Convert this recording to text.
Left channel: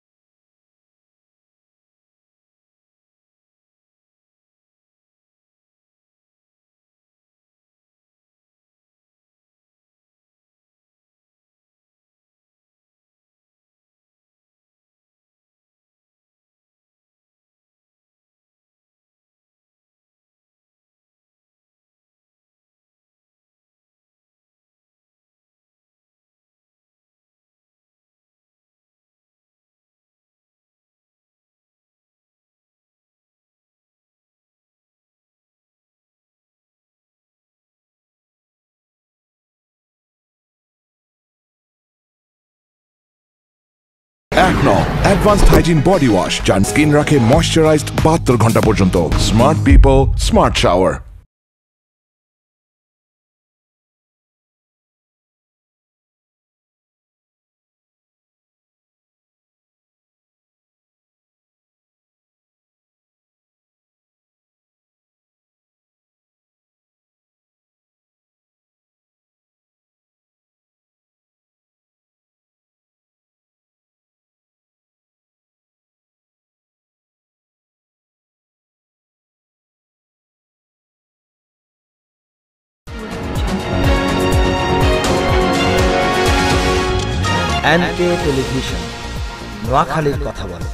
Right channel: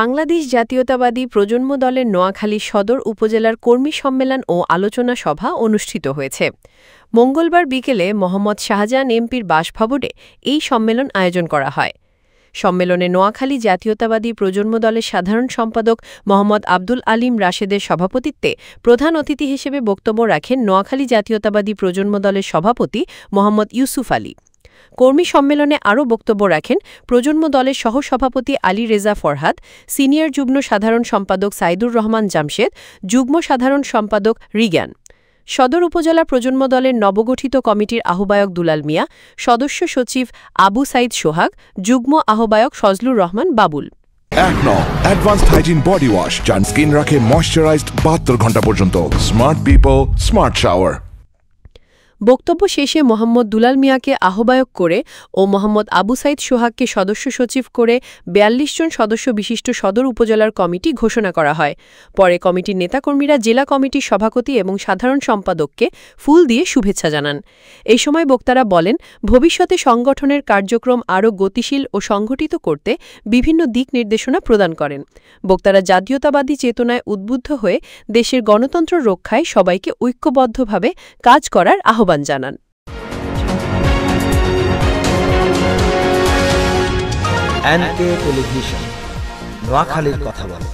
বাংলাদেশ জাতীয়তাবাদী প্রজন্ম দলের নোয়াখালী সদর উপজেলার কর্মী সম্মেলন ও আলোচনা সভা অনুষ্ঠিত হয়েছে। মঙ্গলবার বিকেলে মোহাম্মদ শাহজাহান এমপির বাসভবনে এই সম্মেলন আয়োজন করা হয়। সম্মেলনে নোয়াখালী জাতীয়তাবাদী প্রজন্ম দলের সাধারণ সম্পাদক মোহাম্মদ আব্দুল আলীম রাশেদের সভাপতিত্বে প্রধান অতিথি হিসেবে বক্তব্য রাখেন নোয়াখালী জাতীয়তাবাদী প্রজন্ম দলের সভাপতি মোহাম্মদ ইউসুফ আলী। কর্মী সম্মেলনে আরও বক্তব্য রাখেন প্রজন্ম দলের সহসভাপতি আলী রেজা ফরহাদ, সিনিয়র যুগ্ম সাধারণ সম্পাদক সাইদুর রহমান জামশেদ, যুগ্ম সাধারণ সম্পাদক রিগান। সদর উপজেলা প্রজন্ম দলের নবগঠিত কমিটির আহ্বায়ক দুলাল মিয়া, সদস্য সচিব আবু সাইদ সোহাগ, যুগ্ম আহ্বায়ক Fazlur Rahman Babul. Advanced hygiene body wash, যার স্কিন রাখে ময়শ্চারাইজড 72 ঘন্টা পর্যন্ত। Smart people, smart shower. বক্তব্য শেষে মোহাম্মদ দুলাল মিয়াকে আহ্বায়ক করে ও মোহাম্মদ আবু সাইদ সোহাগকে সদস্য সচিব করে ৪২ জন সদস্য বিশিষ্ট সদর উপজেলার কমিটি ঘোষণা করা হয়। পরে কমিটির নেতাকর্মীরা জেলা কমিটির সভাপতি এবং সাধারণ সম্পাদককে ফুল দিয়ে শুভেচ্ছা জানান। এই সময় বক্তারা বলেন, ভবিষ্যতে সংগঠনের কার্যক্রম আরও গতিশীল ও সংগঠিত করতে বিভিন্ন দিক নির্দেশনা প্রদান করেন। বক্তারা জাতীয়তাবাদী চেতনায় উদ্বুদ্ধ হয়ে দেশের গণতন্ত্র রক্ষায় সবাইকে ঐক্যবদ্ধভাবে কাজ করার আহ্বান জানান। এনকে টেলিভিশন, নোয়াখালীর কথা বলে।